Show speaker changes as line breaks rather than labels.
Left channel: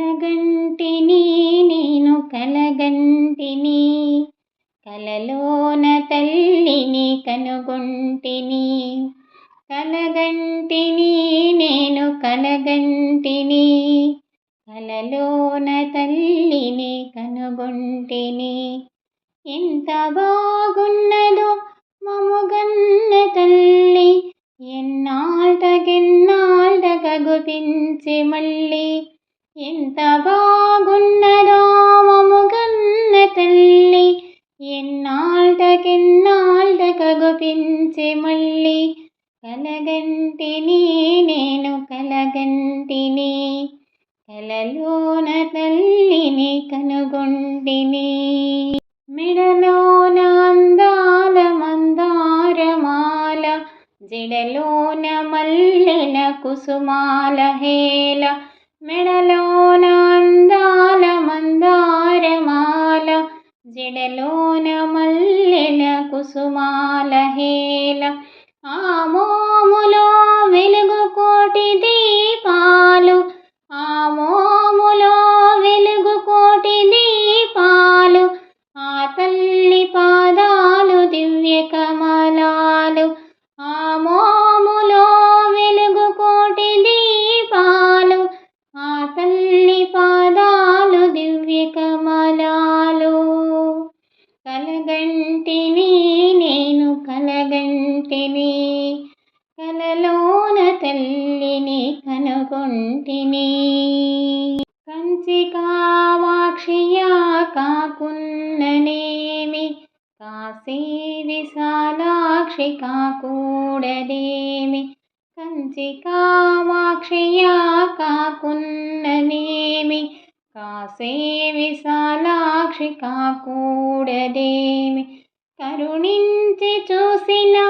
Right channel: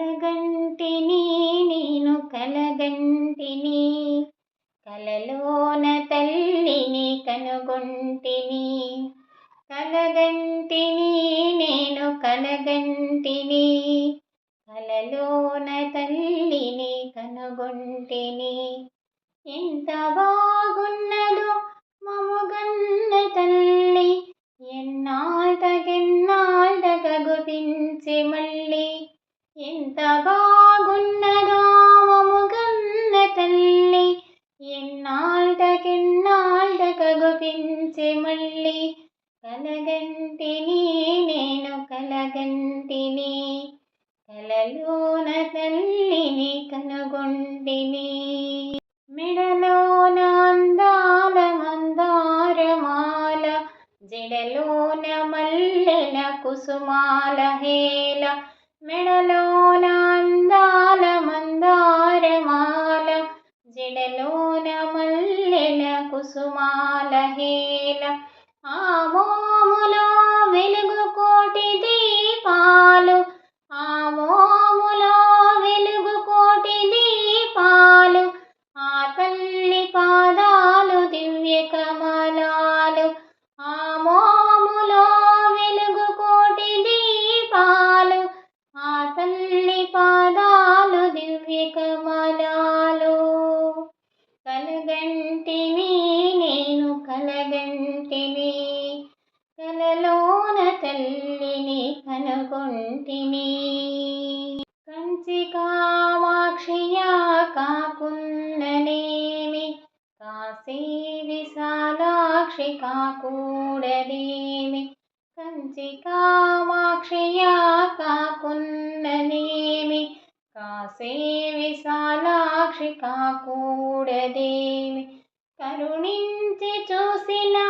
కలగంటిని నేను కలగంటిని. కలలోన తల్లిని కనుగొంటిని. కలగంటిని నేను కలగంటిని. కలలోన తల్లిని కనుగొంటిని. ఎంత బాగున్నదో మముగన్న తల్లి. ఎన్నాళ్ళకెన్నాళ్ళక గుపించి మళ్ళీ ఎంత బాగున్నదో మముగన్న తల్లి. ఎన్నాళ్ళకెన్నాళ్ళకగుపించి మళ్ళీ. కలగంటిని నేను కలగంటిని. కలలోన తల్లిని కనుగొంటిని. మెడలోన అందాల మందారమాల. జడలోన మల్లెల కుసుమాల హేల మెడలోన అందాల మందారమాల జడలోన మల్లెల కుసుమాల హేల కలలోన తల్లిని కనుగొంటిని కంచి కామాక్షియా కాకున్ననేమి కాశీ విశాలాక్షి కాకూడదేమి? కంచి కామాక్షియా కాకున్ననేమి కాశీ విశాలాక్షి కాకూడదేమి? కరుణించి చూసినా